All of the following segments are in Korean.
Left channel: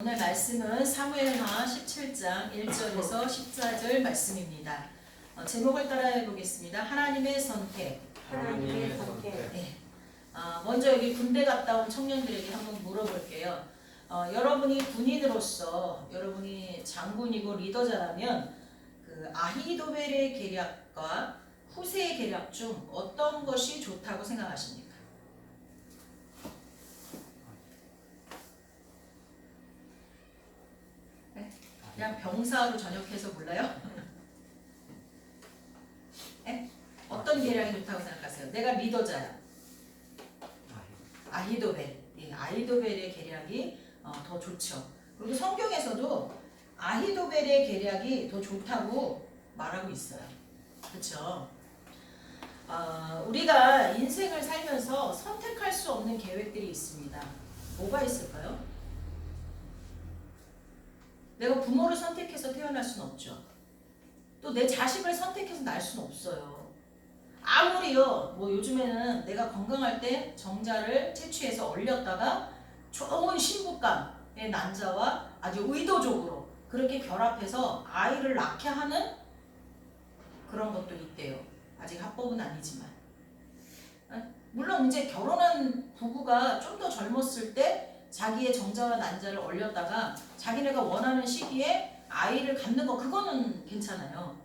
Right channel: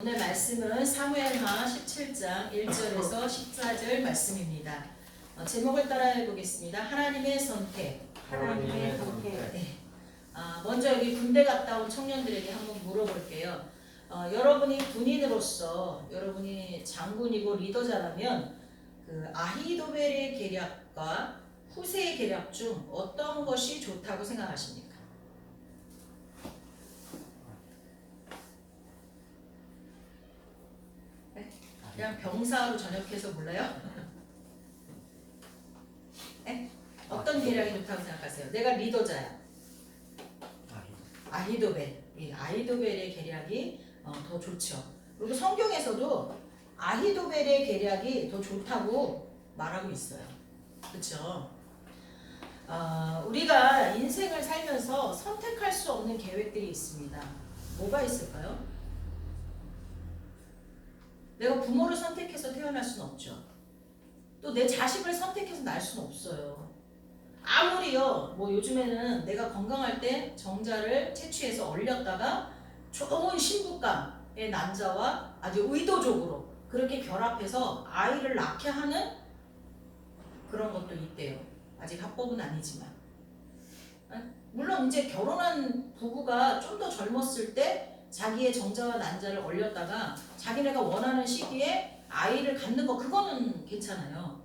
오늘 말씀은 사무엘하 17장 1절에서 14절 말씀입니다. 제목을 따라해 보겠습니다. 하나님의 선택. 하나님의 선택. 네. 먼저 여기 군대 갔다 온 청년들에게 한번 물어볼게요. 여러분이 군인으로서 여러분이 장군이고 리더자라면 그 아히도벨의 계략과 후세의 계략 중 어떤 것이 좋다고 생각하십니까? 그냥 병사로 전역해서 몰라요? 네? 어떤 계략이 좋다고 생각하세요? 내가 리더자야. 아히도벨. 이 아히도벨의 계략이 더 좋죠. 그리고 성경에서도 아히도벨의 계략이 더 좋다고 말하고 있어요. 그렇죠? 우리가 인생을 살면서 선택할 수 없는 계획들이 있습니다. 뭐가 있을까요? 내가 부모를 선택해서 태어날 수는 없죠. 또 내 자식을 선택해서 낳을 수는 없어요. 아무리요, 뭐 요즘에는 내가 건강할 때 정자를 채취해서 얼렸다가 좋은 신부감의 난자와 아주 의도적으로 그렇게 결합해서 아이를 낳게 하는 그런 것도 있대요. 아직 합법은 아니지만. 물론 이제 결혼한 부부가 좀 더 젊었을 때 자기의 정자와 난자를 얼렸다가 자기네가 원하는 시기에 아이를 갖는 거 그거는 괜찮아요.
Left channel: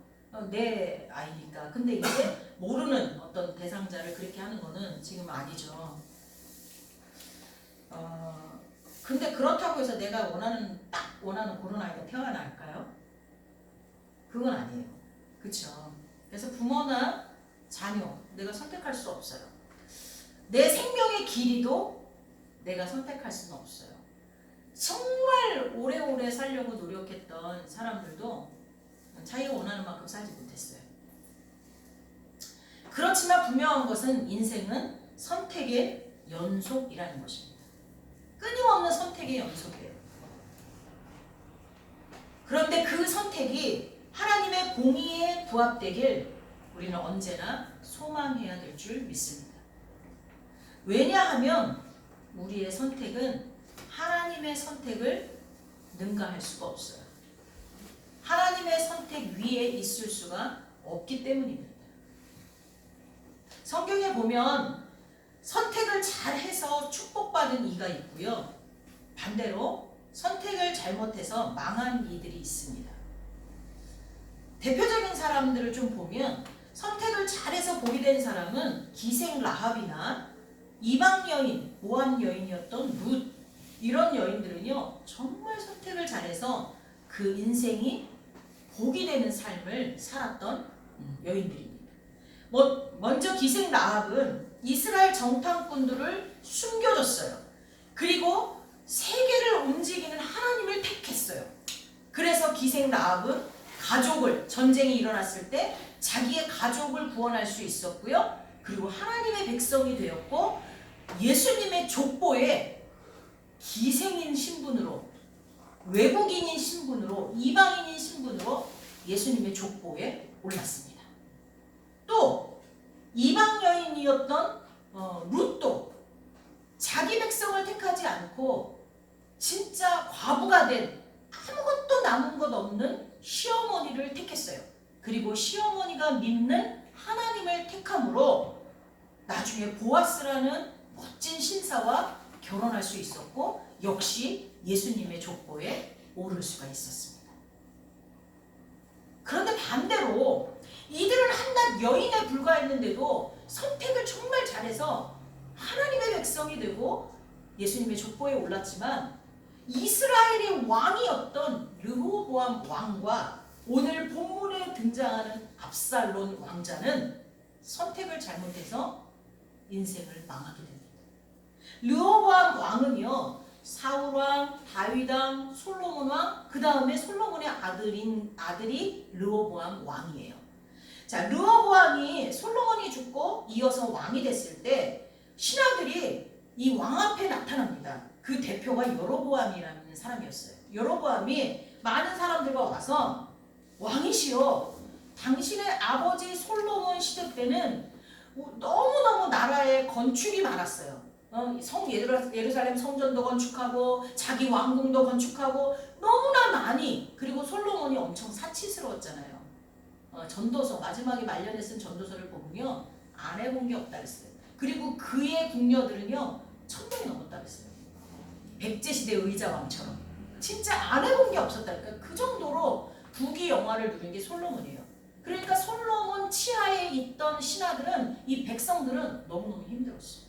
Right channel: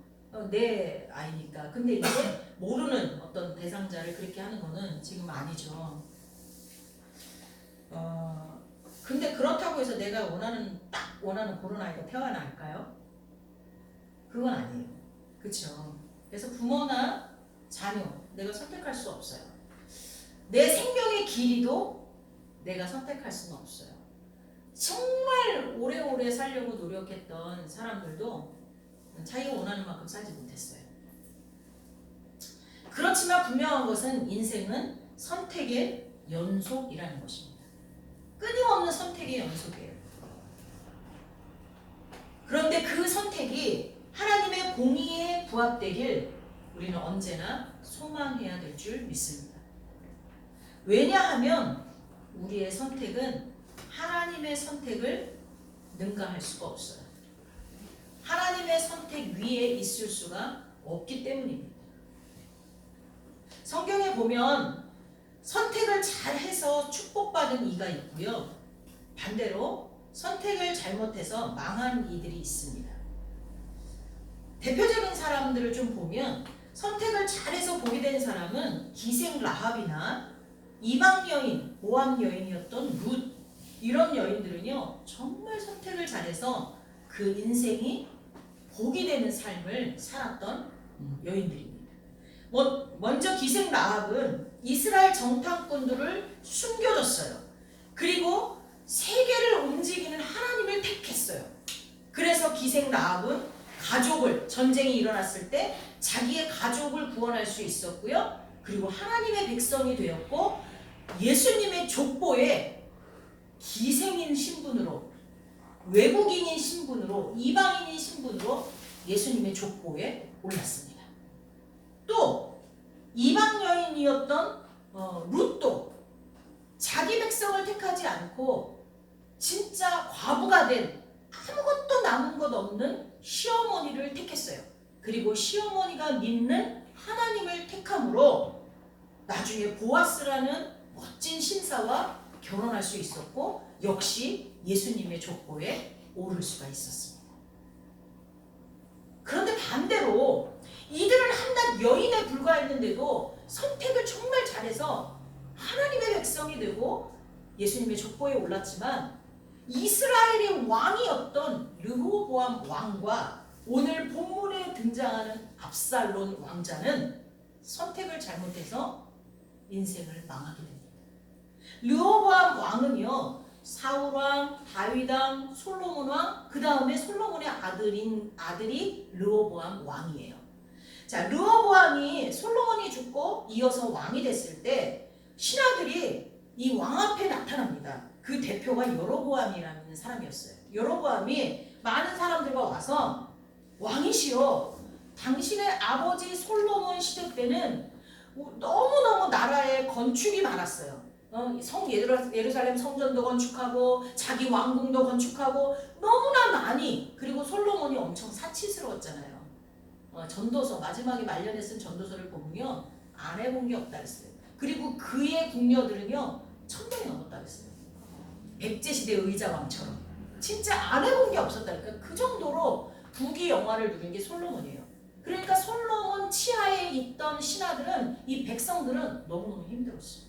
내 아이니까. 근데 이제 모르는 어떤 대상자를 그렇게 하는 거는 지금 아니죠. 근데 그렇다고 해서 내가 딱 원하는 그런 아이가 태어날까요? 그건 아니에요. 그렇죠. 그래서 부모나 자녀 내가 선택할 수 없어요. 내 생명의 길이도 내가 선택할 수는 없어요. 정말 오래오래 살려고 노력했던 사람들도 자기가 원하는 만큼 살지 못했어요. 그렇지만 분명한 것은 인생은 선택의 연속이라는 것입니다. 끊임없는 선택의 연속이에요. 그런데 그 선택이 하나님의 공의에 부합되길 우리는 언제나 소망해야 될 줄 믿습니다. 왜냐하면 우리의 선택은 하나님의 선택을 능가할 수가 없어요. 하나님의 선택 위에 있을 수가 없기 때문입니다. 성경에 보면 선택을 잘해서 축복받은 이가 있고요. 반대로 선택을 잘못해서 망한 이들이 있습니다. 대표적인 사람들을 좀 보면 선택을 잘해서 복이 된 사람은 기생 라합이나 이방 여인, 모압 여인이었던 룻 이런 여인들은요 정말 선택을 잘해서 그 인생이 복이 되는 삶을 살았던 여인들입니다. 먼저 기생 라합은 이스라엘 정탐꾼들을 숨겨줬어요. 그리고 세계를 움직이는 하나님을 택했어요. 그래서 기생 라합은 가족을 전쟁이 일어났을 때 자기의 가족을 구원할 수 있었고요. 그리고 하나님의 백성이 되었고 예수님의 족보에 기생인 신분으로 외국인인 신분으로 이방인인 신분으로 예수님의 족보에 올랐습니다. 또 이방 여인이었던 룻도 자기 백성을 택하지 않고 진짜 과부가 된 아무것도 남은 것 없는 시어머니를 택했어요. 그리고 시어머니가 믿는 하나님을 택함으로 나중에 보아스라는 멋진 신사와 결혼할 수 있었고 역시 예수님의 족보에 오를 수가 있었습니다. 그런데 반대로 이들은 한낱 여인에 불과했는데도 선택을 정말 잘해서 하나님의 백성이 되고 예수님의 족보에 올랐지만 이스라엘의 왕이었던 르호보암 왕과 오늘 본문에 등장하는 압살론 왕자는 선택을 잘못해서 인생을 망하게 됩니다. 르호보암 왕은요 사울 왕, 다윗 왕, 솔로몬 왕, 그 다음에 솔로몬의 아들이 르호보암 왕이에요. 자, 르호보암이 솔로몬이 죽고 이어서 왕이 됐을 때 신하들이 이 왕 앞에 나타납니다. 그 대표가 여로보암이라는 사람이었어요. 여로보암이 많은 사람들과 와서 왕이시여, 당신의 아버지 솔로몬 시대 때는 너무너무 나라에 건축이 많았어요. 성 예루살렘 성전도 건축하고 자기 왕궁도 건축하고 너무나 많이, 그리고 솔로몬이 엄청 사치스러웠잖아요. 전도서 마지막에 말년에 쓴 전도서를 보면요 안 해본 게 없다 그랬어요. 그리고 그의 궁녀들은요 1000명이 넘었다 그랬어요. 백제시대 의자왕처럼 진짜 안 해본 게 없었다니까. 그 정도로 부귀 영화를 누린 게 솔로몬이에요. 그러니까 솔로몬 치하에 있던 신하들은, 이 백성들은 너무너무 힘들었어요.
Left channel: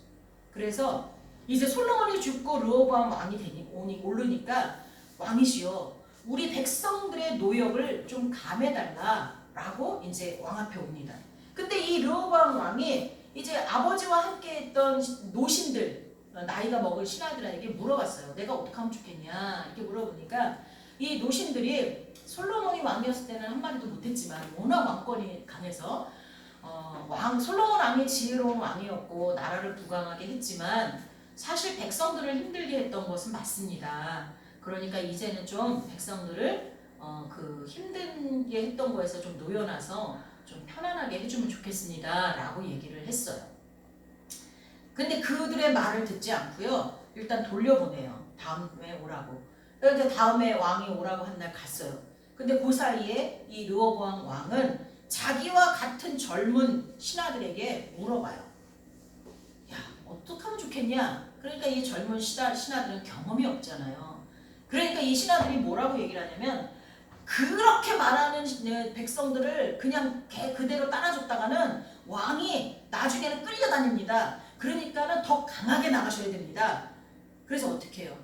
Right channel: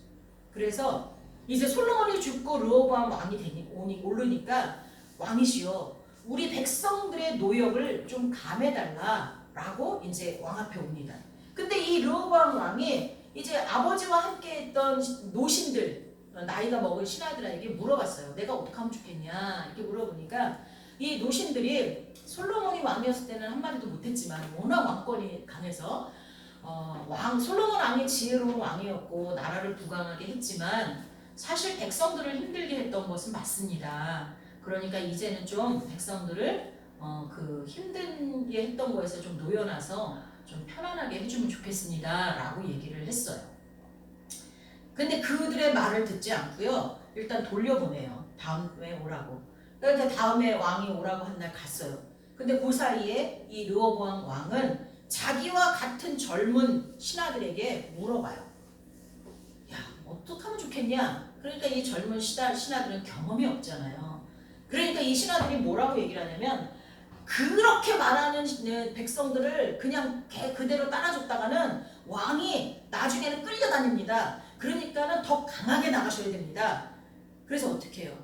그래서 이제 솔로몬이 죽고 르호보암 왕이 오르니까 왕이시여 우리 백성들의 노역을 좀 감해달라라고 이제 왕 앞에 옵니다. 근데 이 르호보암 왕이 이제 아버지와 함께 했던 노신들, 나이가 먹은 신하들에게 물어봤어요. 내가 어떻게 하면 좋겠냐 이렇게 물어보니까 이 노신들이 솔로몬이 왕이었을 때는 한마디도 못했지만 워낙 왕권이 강해서 솔로몬 왕이 지혜로운 왕이었고 나라를 부강하게 했지만 사실 백성들을 힘들게 했던 것은 맞습니다. 그러니까 이제는 좀 백성들을 그 힘들게 했던 거에서 좀 놓여놔서 좀 편안하게 해주면 좋겠습니다 라고 얘기를 했어요. 근데 그들의 말을 듣지 않고요 일단 돌려보내요. 다음에 오라고. 그래서 다음에 왕이 오라고 한 날 갔어요. 근데 그 사이에 이 르호보암 왕은 자기와 같은 젊은 신하들에게 물어봐요. 야, 어떻게 하면 좋겠냐? 그러니까 이 젊은 신하들은 경험이 없잖아요. 그러니까 이 신하들이 뭐라고 얘기를 하냐면 그렇게 말하는 백성들을 그냥 그대로 따라줬다가는 왕이 나중에는 끌려다닙니다. 그러니까는 더 강하게 나가셔야 됩니다. 그래서 어떻게 해요?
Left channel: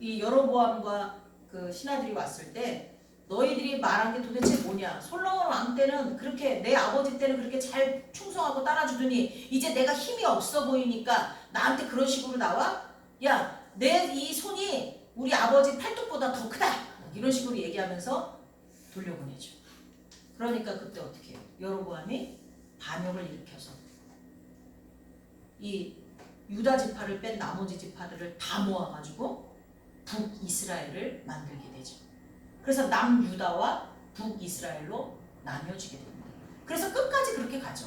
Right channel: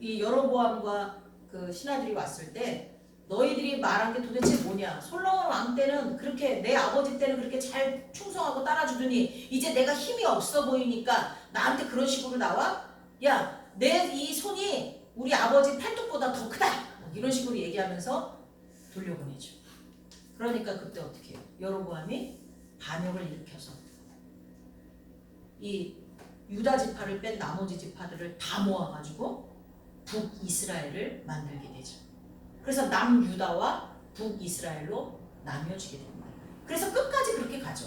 이 여로보암과 그 신하들이 왔을 때 너희들이 말한 게 도대체 뭐냐? 솔로몬 왕 때는 그렇게, 내 아버지 때는 그렇게 잘 충성하고 따라주더니 이제 내가 힘이 없어 보이니까 나한테 그런 식으로 나와? 야, 내 이 손이 우리 아버지 팔뚝보다 더 크다! 이런 식으로 얘기하면서 돌려보내죠. 그러니까 그때 어떻게 해요? 여로보암이 반역을 일으켜서 이 유다 지파를 뺀 나머지 지파들을 다 모아가지고 북이스라엘을 만들게 되죠. 그래서 남유다와 북이스라엘로 나뉘어지게 됩니다. 그래서 끝까지 그렇게 가죠.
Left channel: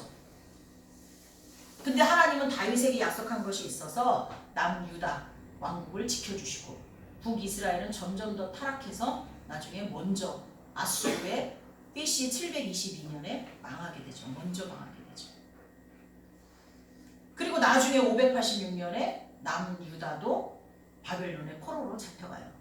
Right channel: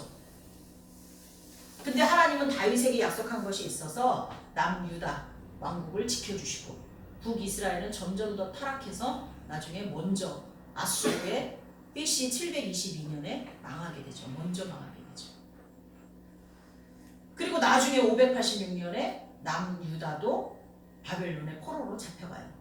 근데 하나님은 다윗에게 약속한 것이 있어서 남유다 왕국을 지켜주시고 북이스라엘은 점점 더 타락해서 나중에 먼저 아수르의 BC 722년에 망하게 되죠. 먼저 망하게 되죠. 그리고 나중에 586년에 남유다도 바벨론의 포로로 잡혀가요.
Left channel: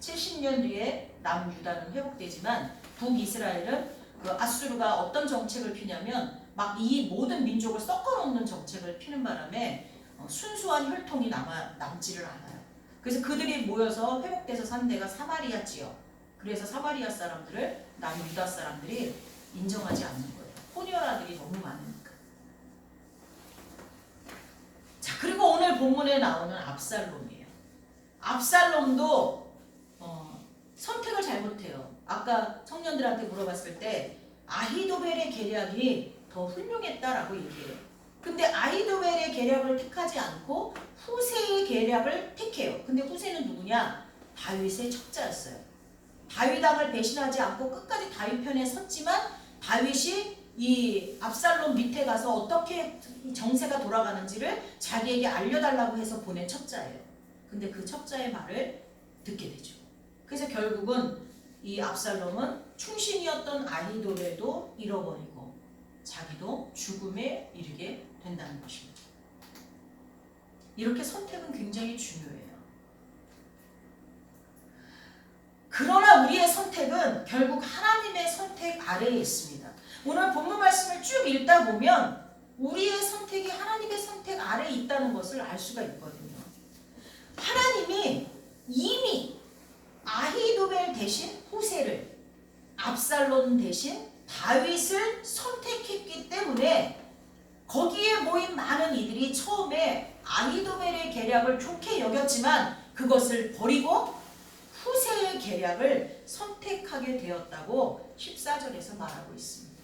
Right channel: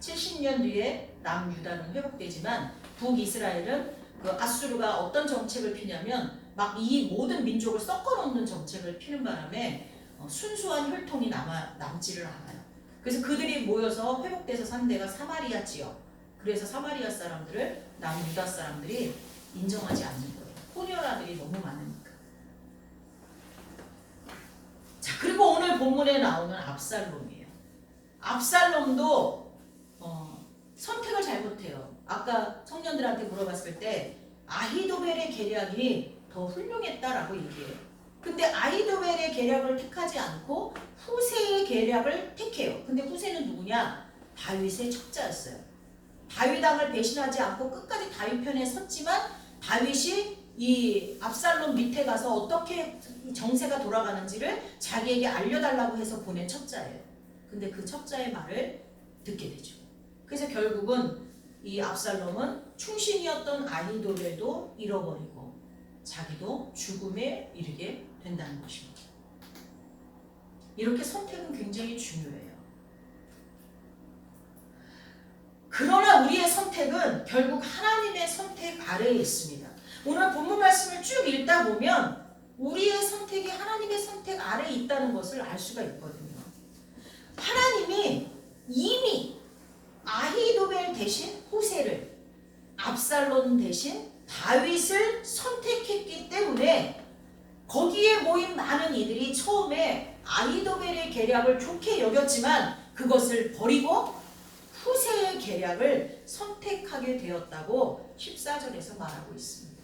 70년 뒤에 남유다는 회복되지만 북이스라엘은 그 아수르가 어떤 정책을 피냐면 막 이 모든 민족을 섞어놓는 정책을 피는 바람에 순수한 혈통이 남지를 않아요. 그래서 그들이 모여서 회복돼서 산 데가 사마리아 지역. 그래서 사마리아 사람들을 남유다 사람들이 인정하지 않는 거예요. 혼혈아들이 너무 많으니까. 자, 그리고 오늘 본문에 나오는 압살롬이에요. 압살롬도 선택을 잘못해요. 아까 청년들한테 물어봤을 때 아히도벨의 계략이 더 훌륭했다라고 얘기해요. 근데 아히도벨의 계략을 택하지 않고 후세의 계략을 택해요. 근데 후세는 누구냐? 다윗의 척자였어요. 다윗 왕을 배신하지 않고 끝까지 다윗 편에 섰지만 다윗이 이 압살롬 밑에 가서 어떻게 정세가 돌아가는지를 자기에게 알려달라고 해서 보낸 척자예요. 근데 그 척자의 말을 듣게 되죠. 그래서 결국은 이 압살롬은 충신이었던 아히도벨도 잃어버리고 자기도 죽음에 이르게 된다는 것입니다. 이렇게 선택은 굉장히 중요해요. 그러나 우리의 선택은 결국 하나님의 선택 아래에 있습니다. 오늘 본문 말씀을 쭉 읽다 보면 우리의 선택이 하나님의 선택 아래에 있다는 것을 알 수가 있거든요. 하나님이 이미 아히도벨 대신 후세를, 압살롬 대신 다윗을 선택했기 때문에 거기에 모인 많은 이들이 처음에 아히도벨의 계략을 좋게 여겼지만 그것을 버리고 후세의 계략을 선택하게 되었다고 14절에서 말하고 있습니다.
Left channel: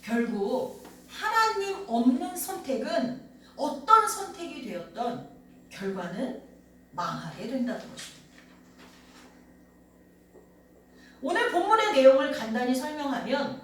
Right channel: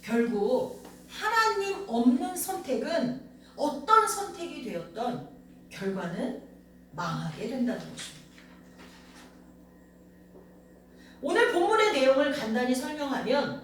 결국 하나님 없는 선택은 어떤 선택이 되었던 결과는 망하게 된다는 것입니다. 오늘 본문의 내용을 간단히 설명하면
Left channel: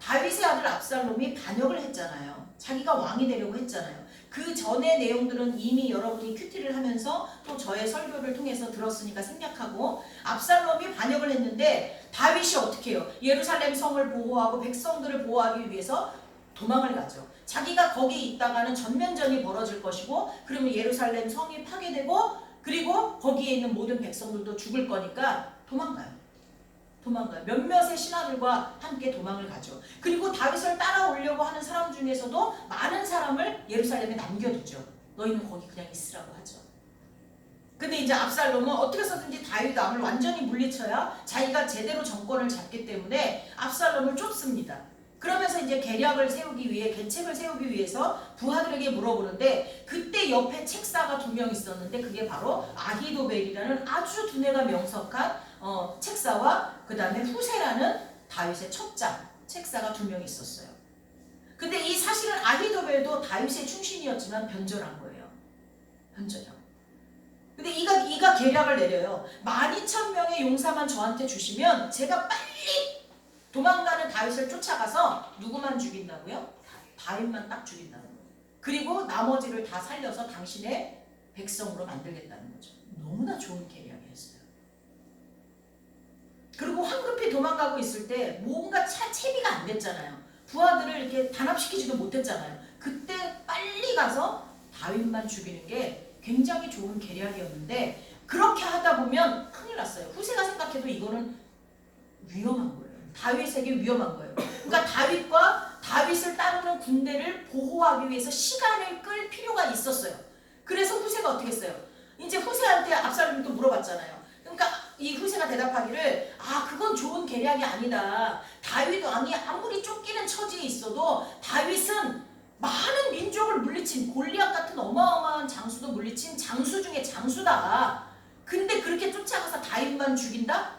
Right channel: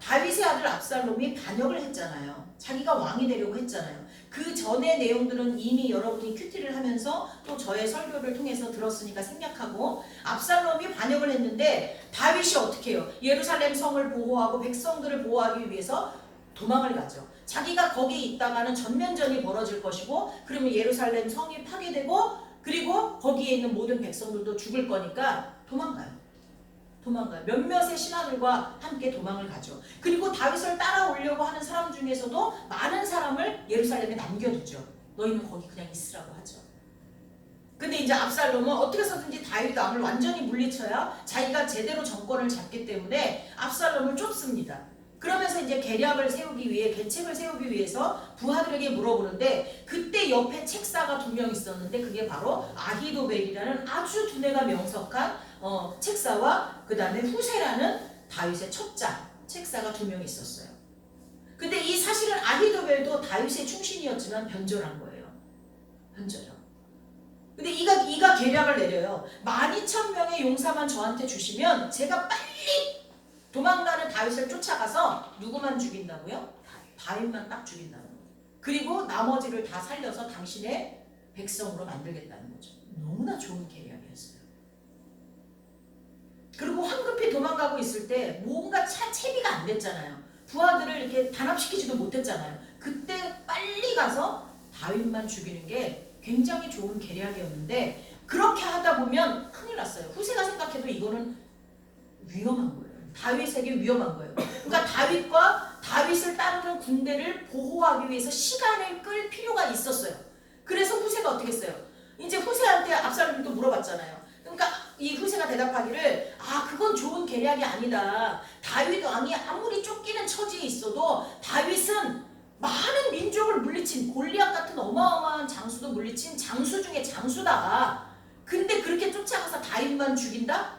다윗의 아들 압살롬이 반역을 했잖아요. 자기가 왕이 되려고 했잖아요. 그 전의 내용들은 이미 여러분이 큐티를 하면서 또 저의 설교를 통해서 들었으니까 생략하고, 압살롬이 반역을 했는데 다윗이 어떻게 해요? 예루살렘 성을 보호하고 백성들을 보호하기 위해서 도망을 가죠. 자기가 거기 있다가는 전면전이 벌어질 것이고, 그러면 예루살렘 성이 파괴되고, 그리고 거기에 있는 모든 백성들도 죽을 거니까 도망가요. 몇몇의 신하들과 함께 도망을 가죠. 그리고 다윗을 따라오려고 하는 사람 중에서도 많은 사람을 예루살렘에 남겨두죠. 너희는 거기 그냥 있으라고 하죠. 근데 이제 압살롬은 어떻게 해서든지 다윗 왕을 완전히 물리쳐야 자기가 제대로 정권을 잡기 때문에 압살롬을 쫓습니다. 그러면서 이제 계략을 세우기 위해, 계책을 세우기 위해서 부하들에게 물어보는데, 그때 옆에 책사가 2명 있었는데 그게 바로 아히도벨이라는 아주 두뇌가 명석한 책사와 그 다음에 후세라는 다윗의 첩자 책사가 2명 있었어요. 근데 이 사실은 아히도벨도 다윗의 충신이었지만 변절한 거예요. 변절한. 근데 이가 계략을 내려요. 12,000명의 용사만 저한테 주시면 제가 빨리 도망가는 다윗을 쫓아가서 누구만 죽인다고요? 다윗만 딱 죽인다는 거예요. 그리고 나머지를 다 살려서 당신의 백성으로 만들겠다는 거죠. 너무나 좋은 계략이었어요. 그리고 황급히 도망가고 있을 때 뭔가 채비가 안 됐잖아요. 부하들을 이렇게 단합시키지도 못했잖아요. 그때 빨리 가서 다윗만 죽이는 게 굉장히 좋은 계략이었는데, 그렇게 하다 보면 큰일 났어요. 후세가 생각해도 이거는 위험한 거예요. 다윗에게 위험한 거예요. 그러니까 다윗을 따르는 군대를 보호하기 위해서 시간을 끌 필요가 있었어요. 그래서 후세가 어떻게 했어요? 이제 후세한테 압살롬이 또 물어봤잖아요. 그러니까 이 후세가 대답하기를, 그건 좋은 계략이 아니다. 다윗 왕이 아무리 쫓기는 처지에 있어도 다윗은 많은 민족을 물리친, 골리앗 같은 어마어마한 장수도 물리친 장수 중에 장수다. 근데 그렇게 쫓아가서 다윗만 죽인다?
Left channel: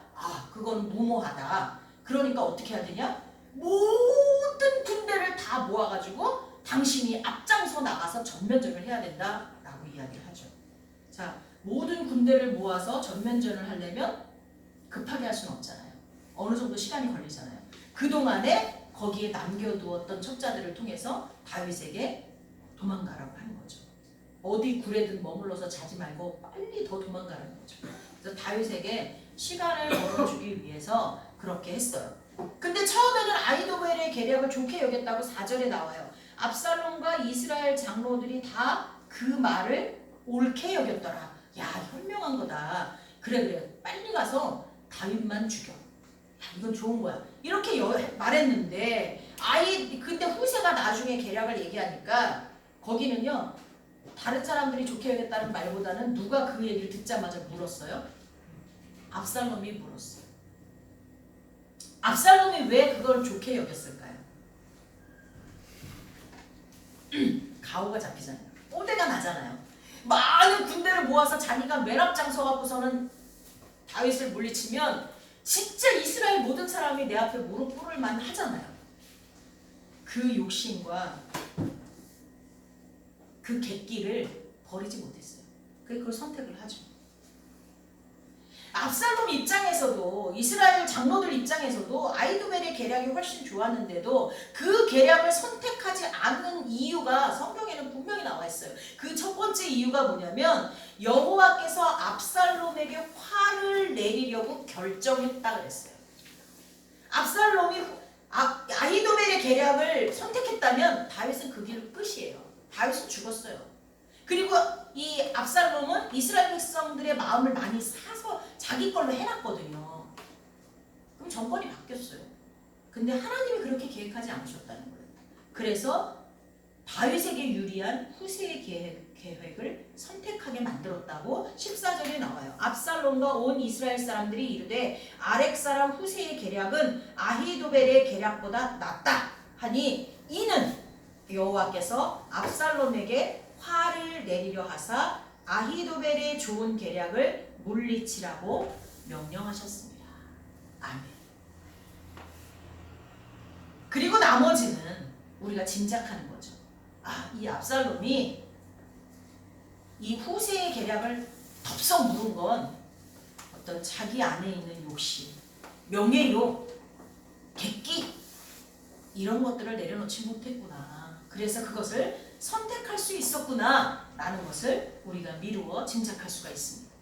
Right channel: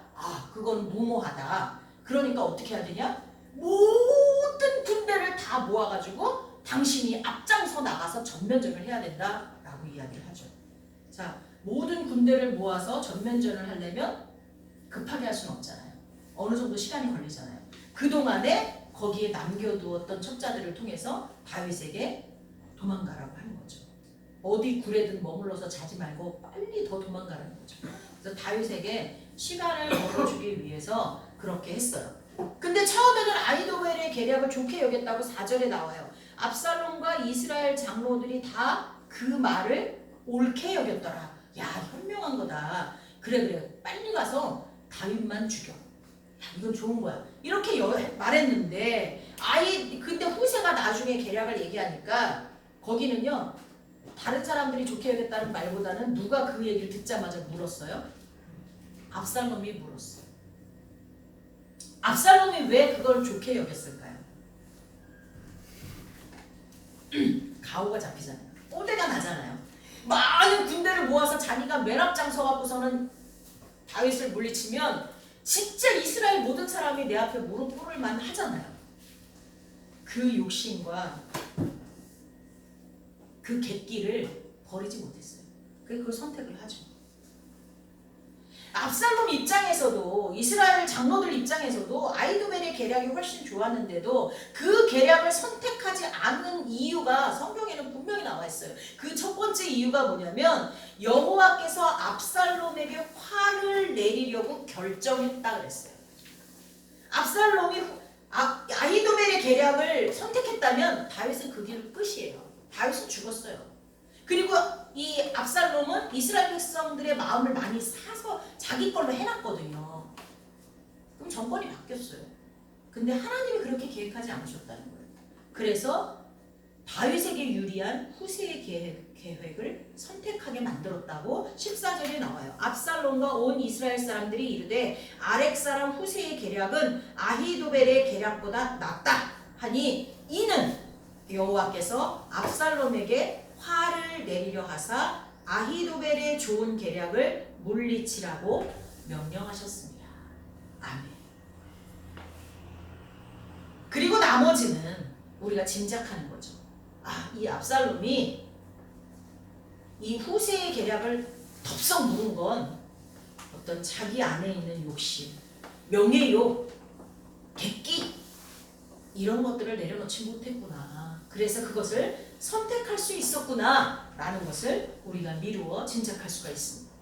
그건 무모하다. 그러니까 어떻게 해야 되냐? 모든 군대를 다 모아가지고 당신이 앞장서 나가서 전면전을 해야 된다라고 이야기를 하죠. 자, 모든 군대를 모아서 전면전을 하려면 급하게 할 수는 없잖아요. 어느 정도 시간이 걸리잖아요. 그동안에 거기에 남겨두었던 첩자들을 통해서 다윗에게 도망가라고 하는 거죠. 어디 굴에든 머물러서 자지 말고 빨리 더 도망가라는 거죠. 그래서 다윗에게 시간을 벌어주기 위해서 그렇게 했어요. 근데 처음에는 아히도벨의 계략을 좋게 여겼다고 4절에 나와요. 압살롬과 이스라엘 장로들이 다 그 말을 옳게 여겼더라. 야, 현명한 거다. 그래 빨리 가서 다윗만 죽여. 야, 이건 좋은 거야. 이렇게 말했는데 근데 후세가 나중에 계략을 얘기하니까 거기는요, 다른 사람들이 좋게 여겼다는 말보다는 누가 그 얘기를 듣자마자 물었어요? 압살롬이 물었어요. 압살롬이 왜 그걸 좋게 여겼을까요? 가오가 잡히잖아요. 뽀대가 나잖아요. 많은 군대를 모아서 자기가 맨 앞장서 갖고서는 다윗을 물리치면 진짜 이스라엘 모든 사람이 내 앞에 무릎 꿇을 만 하잖아요. 그 욕심과 그 객기를 버리지 못했어요. 그래서 그걸 선택을 하죠. 압살롬 입장에서도, 이스라엘 장로들 입장에서도 아히도벨의 계략이 훨씬 좋았는데도 그 계략을 선택하지 않는 이유가 성경에는 분명히 나와 있어요. 그 첫 번째 이유가 뭐냐면, 여호와께서 압살롬에게 화를 내리려고 결정했다 그랬어요. 압살롬이 아히도벨의 계략을 선택했다면 다윗은 그 길 끝이에요. 다윗은 죽었어요. 그리고 이 압살롬은 이스라엘 백성들의 마음을 많이 사서 자기 걸로 해놨거든요. 그럼 정권이 바뀌었어요. 근데 하나님이 그렇게 계획하지 않으셨다는 거예요. 그래서 다윗에게 유리한 후세의 계획을 선택하게 만들었다고 14절에 나와요. 압살롬과 온 이스라엘 사람들이 이르되 아렉 사람 후세의 계략은 아히도벨의 계략보다 낫다 하니, 이는 여호와께서 압살롬에게 화를 내리려 하사 아히도벨의 좋은 계략을 물리치라고 명령하셨습니다. 아멘. 그리고 나머지는 우리가 짐작하는 거죠. 이 압살롬이 이 후세의 계략을 덥석 물은 건 어떤 자기 안에 있는 욕심, 명예욕, 객기, 이런 것들을 내려놓지 못했구나. 그래서 그것을 선택할 수 있었구나 라는 것을 우리가 미루어 짐작할 수가 있습니다.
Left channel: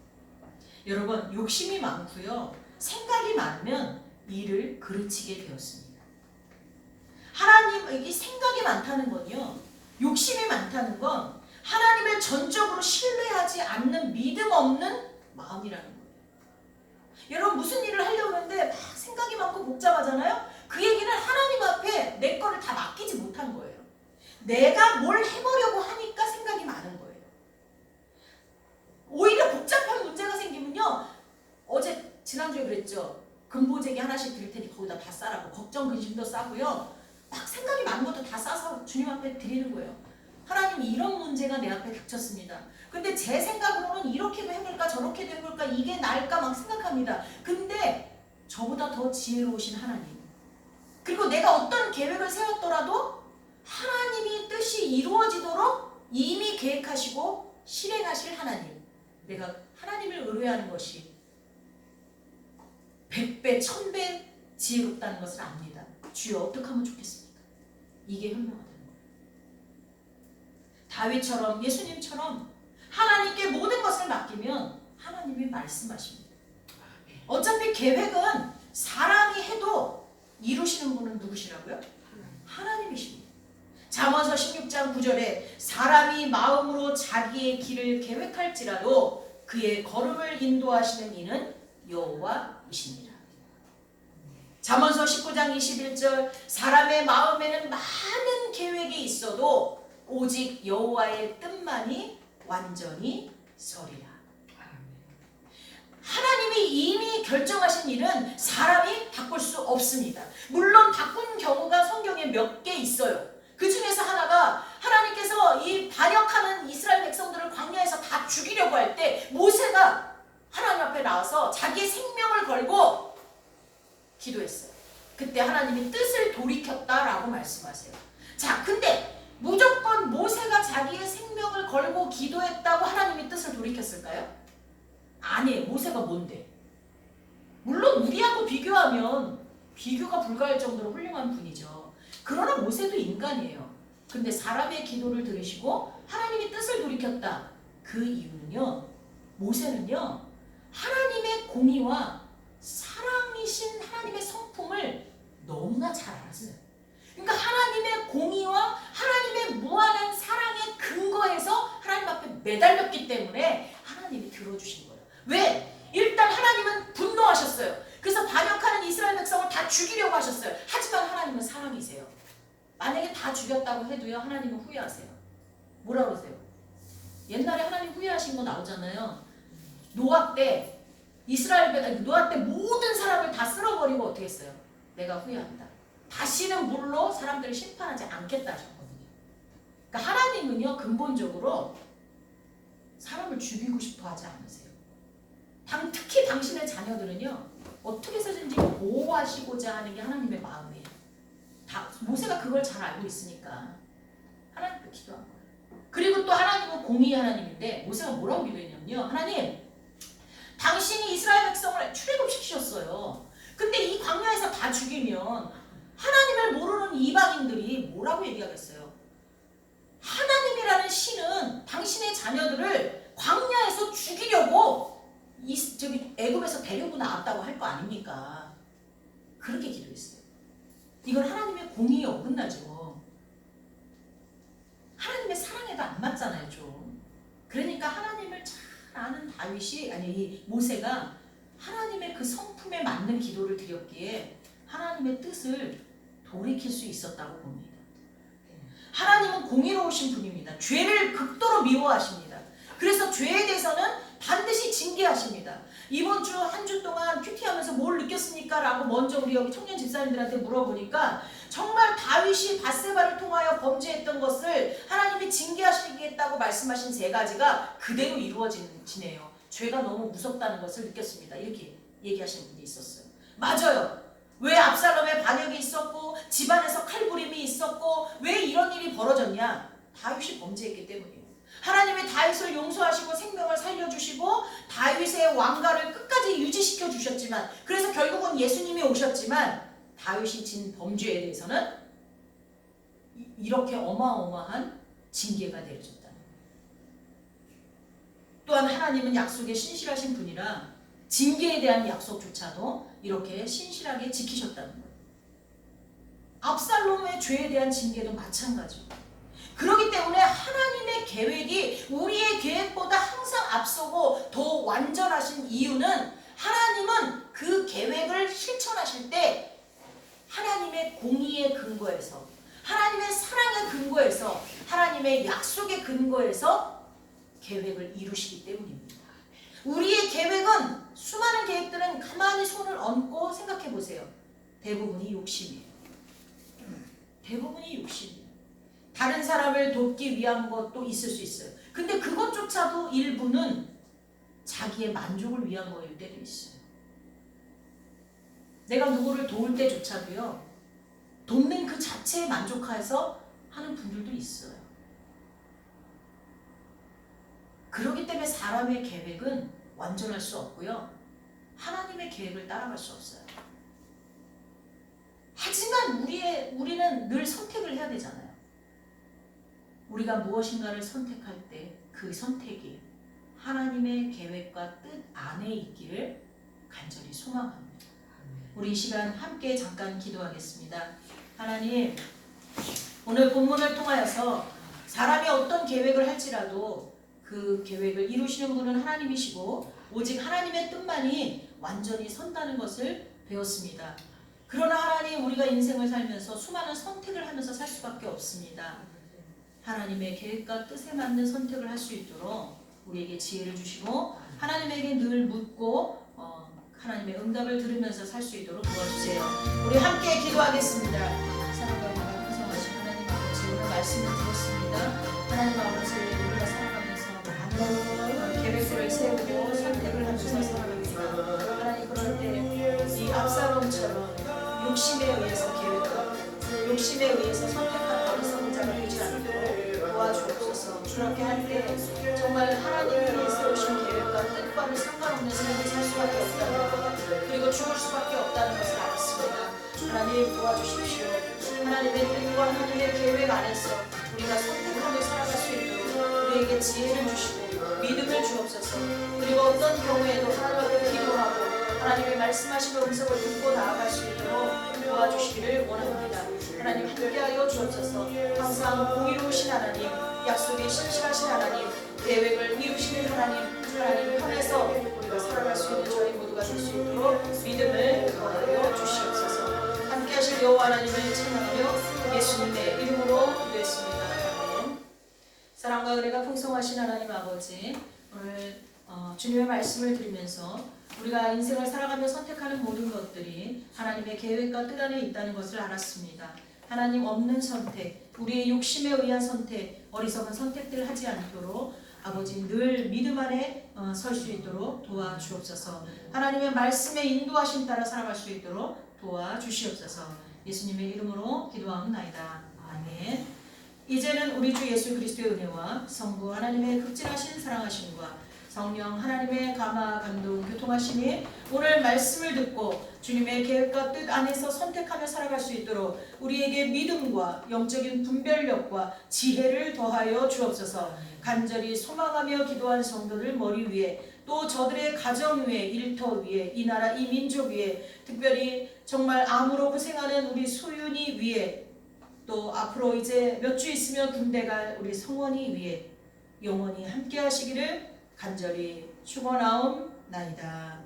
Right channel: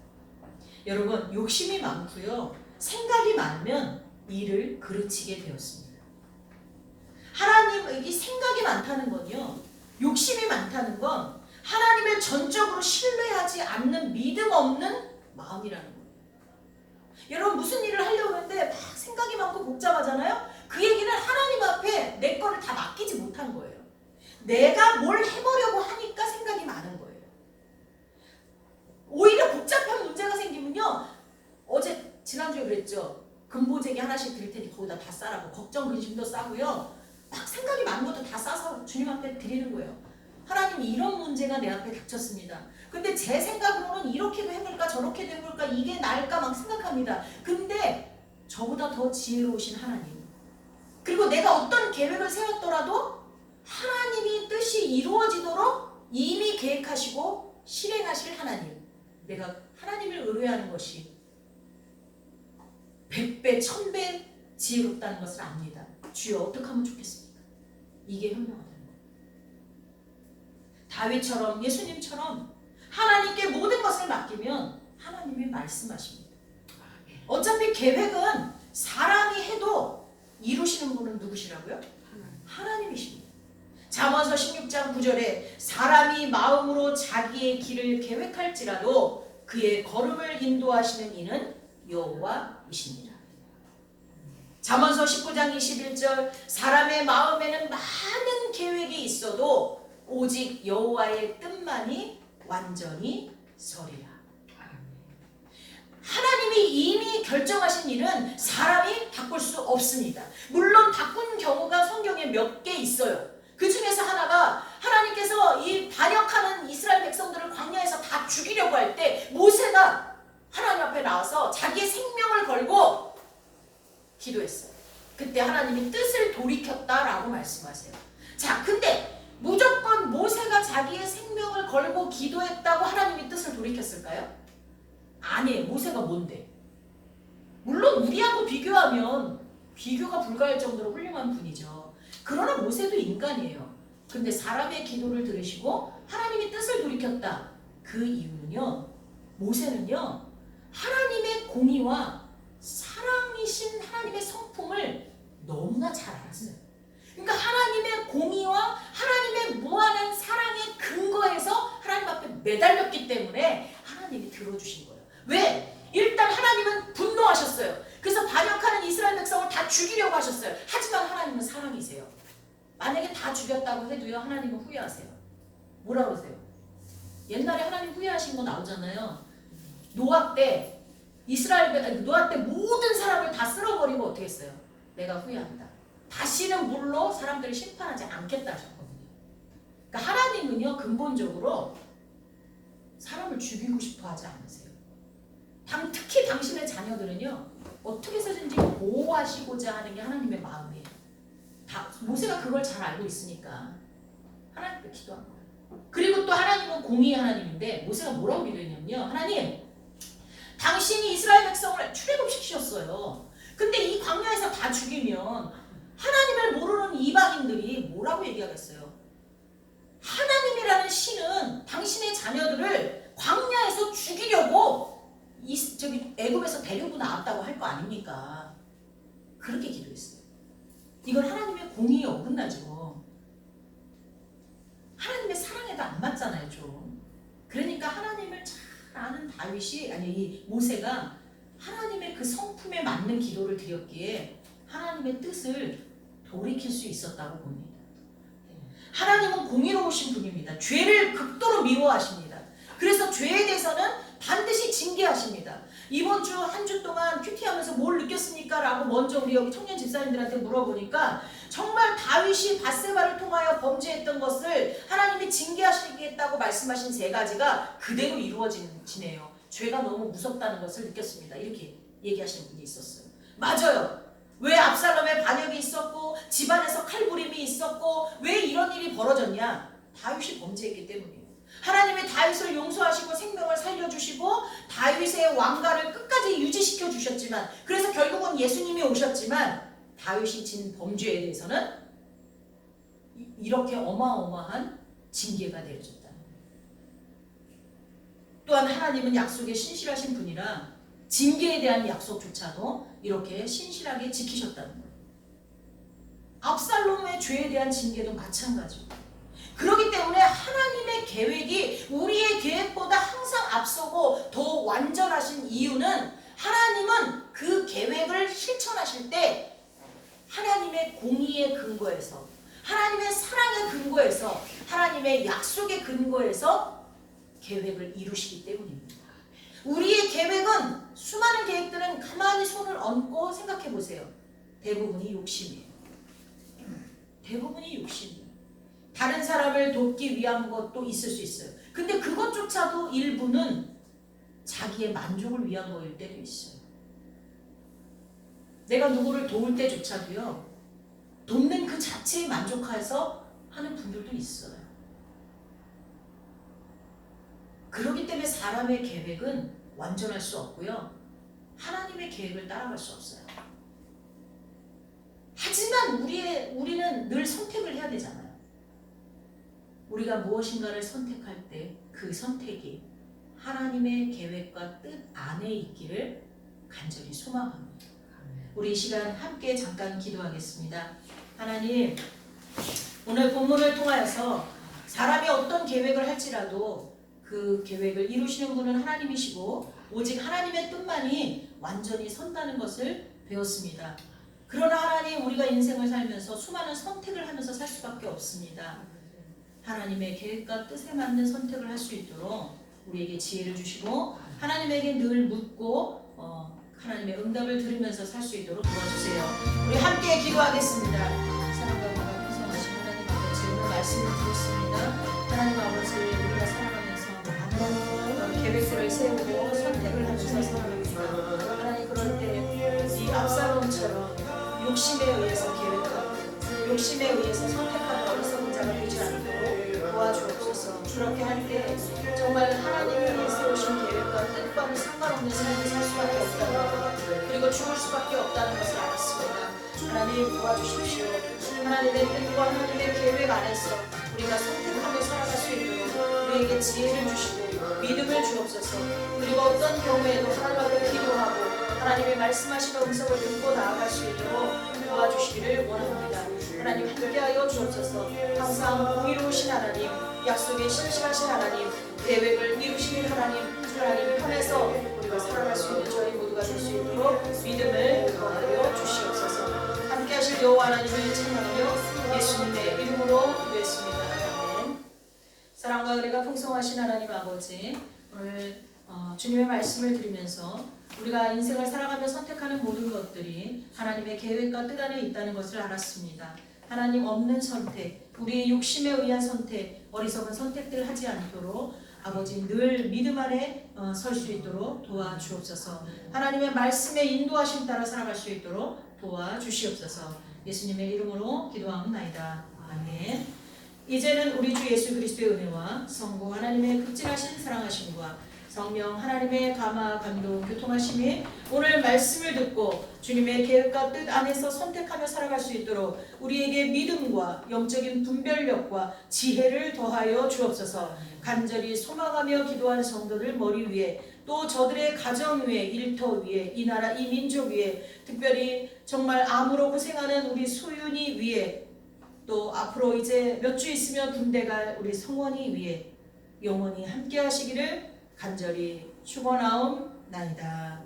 여러분, 욕심이 많고요, 생각이 많으면 일을 그르치게 되었습니다. 하나님에게 생각이 많다는 건요, 욕심이 많다는 건 하나님을 전적으로 신뢰하지 않는 믿음 없는 마음이라는 거예요. 여러분, 무슨 일을 하려고 하는데 막 생각이 많고 복잡하잖아요. 그 얘기는 하나님 앞에 내 거를 다 맡기지 못한 거예요. 내가 뭘 해보려고 하니까 생각이 많은 거예요. 오히려 복잡한 문제가 생기면요, 어제 지난주에 그랬죠. 근보제기 하나씩 드릴 테니 거기다 다 싸라고. 걱정 근심도 싸고요, 막 생각이 많은 것도 다 싸서 주님 앞에 드리는 거예요. 하나님, 이런 문제가 내 앞에 닥쳤습니다. 근데 제 생각으로는 이렇게도 해볼까 저렇게도 해볼까 이게 나을까 막 생각합니다. 근데 저보다 더 지혜로우신 하나님, 그리고 내가 어떤 계획을 세웠더라도 하나님이 뜻이 이루어지도록 이미 계획하시고 실행하실 하나님, 내가 하나님을 의뢰하는 것이 100배 1000배 지혜롭다는 것을 압니다. 주여, 어떻게 하면 좋겠습니까? 이게 현명하다는 거예요. 다윗처럼, 예수님처럼 하나님께 모든 것을 맡기면 하나님이 말씀하십니다. 어차피 계획은 사람이 해도 이루시는 분은 누구시라고요? 하나님이십니다. 잠언서 16장 9절에 사람이 마음으로 자기의 길을 계획할지라도 그의 걸음을 인도하시는 이는 여호와이십니다. 잠언서 19장 21절 사람의 마음에는 많은 계획이 있어도 오직 여호와의 뜻만이 완전히 서리라. 하나님이 이미 결정하신 일은 사람이 바꿀 수 없습니다. 물론 바꾼 경우가 성경에 몇 개 있어요. 그 중에서 하나가 하나님께서 이 반역하는 이스라엘 백성들을 광야에서 다 죽이려고 할 때 모세가 하나님 앞에 나와서 자기의 생명을 걸고 기도했어요. 그때 하나님이 뜻을 돌이켰다라고 말씀하세요. 자, 근데 무조건 모세가 자기의 생명을 걸고 기도했다고 하나님이 뜻을 돌이켰을까요? 아니에요. 모세가 뭔데? 물론 우리하고 비교하면 비교가 불가할 정도로 훌륭한 분이죠. 그러나 모세도 인간이에요. 근데 사람의 기도를 들으시고 하나님이 뜻을 돌이켰다. 그 이유는요, 모세는요, 하나님의 공의와 사랑이신 하나님의 성품을 너무나 잘 알았어요. 그러니까 하나님의 공의와 하나님의 무한한 사랑의 근거에서 하나님 앞에 매달렸기 때문에 하나님이 들어주신 거예요. 왜? 일단 하나님은 분노하셨어요. 그래서 반역하는 이스라엘 백성을 다 죽이려고 하셨어요. 하지만 하나님은 사랑이세요. 만약에 다 죽였다고 해도요, 하나님은 후회하세요. 뭐라 그러세요? 옛날에 하나님 후회하신 거 나오잖아요. 노아 때 노아 때 모든 사람을 다 쓸어버리고 어떻게 했어요? 내가 후회한다. 다시는 물로 사람들을 심판하지 않겠다 하셨거든요. 그러니까 하나님은요, 근본적으로 사람을 죽이고 싶어 하지 않으세요. 특히 당신의 자녀들은요, 어떻게 해서든지 보호하시고자 하는 게 하나님의 마음이에요. 모세가 그걸 잘 알고 있으니까 하나님께 기도한 거예요. 그리고 또 하나님은 공의의 하나님인데 모세가 뭐라고 기도했냐면요, 하나님, 당신이 이스라엘 백성을 출애굽시키셨어요. 근데 이 광야에서 다 죽이면 하나님을 모르는 이방인들이 뭐라고 얘기하겠어요? 하나님이라는 신은 당신의 자녀들을 광야에서 죽이려고 애굽에서 데리고 나왔다고 할 거 아닙니까? 그렇게 기도했어요. 이건 하나님의 공의에 어긋나죠. 하나님의 사랑에도 안 맞잖아요, 좀. 그러니까 하나님을 잘 아는 이 모세가 하나님의 그 성품에 맞는 기도를 드렸기에 하나님의 뜻을 돌이킬 수 있었다고 봅니다. 하나님은 공의로우신 분입니다. 죄를 극도로 미워하십니다. 그래서 죄에 대해서는 반드시 징계하십니다. 이번 주 한 주 동안 큐티하면서 뭘 느꼈습니까? 라고 먼저 우리 여기 청년 집사님들한테 물어보니까 정말 다윗이 밧세바를 통하여 범죄했던 것을 하나님이 징계하시겠다고 말씀하신 세 가지가 그대로 이루어지네요. 죄가 너무 무섭다는 것을 느꼈습니다. 이렇게 얘기하시는 분이 있었어요. 맞아요. 왜 압살롬의 반역이 있었고 집안에서 칼부림이 있었고 왜 이런 일이 벌어졌냐? 다윗이 범죄했기 때문이에요. 하나님이 다윗을 용서하시고 생명을 살려주시고 다윗의 왕가를 끝까지 유지시켜 주셨지만, 그래서 결국은 예수님이 오셨지만 다윗이 진 범죄에 대해서는 이렇게 어마어마한 징계가 내려졌다는 거예요. 또한 하나님은 약속에 신실하신 분이라 징계에 대한 약속조차도 이렇게 신실하게 지키셨다는 거예요. 압살롬의 죄에 대한 징계도 마찬가지고, 그렇기 때문에 하나님의 계획이 우리의 계획보다 항상 앞서고 더 완전하신 이유는 하나님은 그 계획을 실천하실 때 하나님의 공의의 근거에서, 하나님의 사랑의 근거에서, 하나님의 약속의 근거에서 계획을 이루시기 때문입니다. 우리의 계획은, 수많은 계획들은 가만히 손을 얹고 생각해 보세요. 대부분이 욕심이에요. 대부분이 욕심이에요. 다른 사람을 돕기 위한 것도 있을 수 있어요. 근데 그것조차도 일부는 자기의 만족을 위한 거일 때도 있어요. 내가 누구를 도울 때조차도요, 돕는 그 자체에 만족해서 하는 분들도 있어요. 그렇기 때문에 사람의 계획은 완전할 수 없고요, 하나님의 계획을 따라갈 수 없어요. 하지만 우리는 늘 선택을 해야 되잖아요. 우리가 무엇인가를 선택할 때 그 선택이 하나님의 계획과 뜻 안에 있기를 간절히 소망합니다. 우리 이 시간 함께 잠깐 기도하겠습니다. 하나님, 오늘 본문을 통하여서 사람이 어떤 계획을 할지라도 그 계획을 이루시는 분은 하나님이시고 오직 하나님의 뜻만이 완전히 선다는 것을 배웠습니다. 그러나 하나님, 우리가 인생을 살면서 수많은 선택을 하면서 살 수밖에 없습니다. 하나님의 계획과 뜻에 맞는 선택을 할 수 있도록 우리에게 지혜를 주시고 하나님에게 늘 묻고 하나님의 응답을 들으면서 살 수 있도록 도와주세요. 우리 함께 기도하겠습니다. 사랑과 풍성하신 하나님 아버지, 오늘 말씀을 들었습니다. 하나님 아버지, 우리가 살아가면서 많은 계획들을 세우고 선택을 하면서 살아갑니다. 하나님, 그럴 때 이 압살롬처럼 욕심에 의해서 계획하고 욕심에 의해서 선택하려고 해서 자가 되지 않도록 도와주옵소서. 그렇게 할 때 정말 하나님이 세우신 계획과 뜻과는 상관없는 삶을 살 수밖에 없다는 것, 그리고 죽을 수밖에 없다는 것을 알았습니다. 하나님, 도와주십시오. 하나님의 뜻과 하나님의 계획 안에서 우리가 선택하며 살아갈 수 있도록 우리에게 지혜를 주시고 믿음을 주옵소서. 그리고 어떤 경우에도 하나님 앞에 기도하고 하나님의 말씀하시는 음성을 듣고 나아갈 수 있도록 도와주시기를 원합니다. 하나님, 함께하여 주옵소서. 항상 공의로우신 하나님, 약속에 신실하신 하나님, 계획을 이루시는 하나님 편에서 우리가 살아갈 수 있는 저희 모두가 될 수 있도록 믿음을 더하여 주시옵소서. 함께하실 여호와 하나님을 찬양하며 예수님의 이름으로 기도했습니다. 아멘. 사랑과 은혜가 풍성하신 하나님 아버지, 오늘 주님의 말씀을 들으면서 우리가 인생을 살아가며 선택하는 모든 것들이 하나님의 계획과 뜻 안에 있다는 것을 알았습니다. 하나님 없는 선택, 우리의 욕심에 의한 선택, 어리석은 선택들 하지 않도록 아버지 늘 믿음 안에 설 수 있도록 도와주옵소서. 하나님의 말씀에 인도하심 따라 살아갈 수 있도록 도와주시옵소서. 예수님의 이름으로 기도하옵나이다. 아멘. 이제는 우리 주 예수 그리스도의 은혜와 성부 하나님의 극진하신 사랑하심과 성령 하나님의 감화 감동 교통하심이 오늘 말씀을 듣고 주님의 계획과 뜻 안에서 선택하며 살아갈 수 있도록 우리에게 믿음과 영적인 분별력과 지혜를 더하여 주옵소서. 간절히 소망하며 기도한 성도들 머리 위에, 또 저들의 가정 위에, 일터 위에, 이 나라 이 민족 위에, 특별히 정말 암으로 고생하는 우리 소윤이 위에, 또 앞으로 이제 몇 주 있으면 군대 갈 우리 성원이 위에 영원히 함께 하시기를 간절히 축원하옵나이다.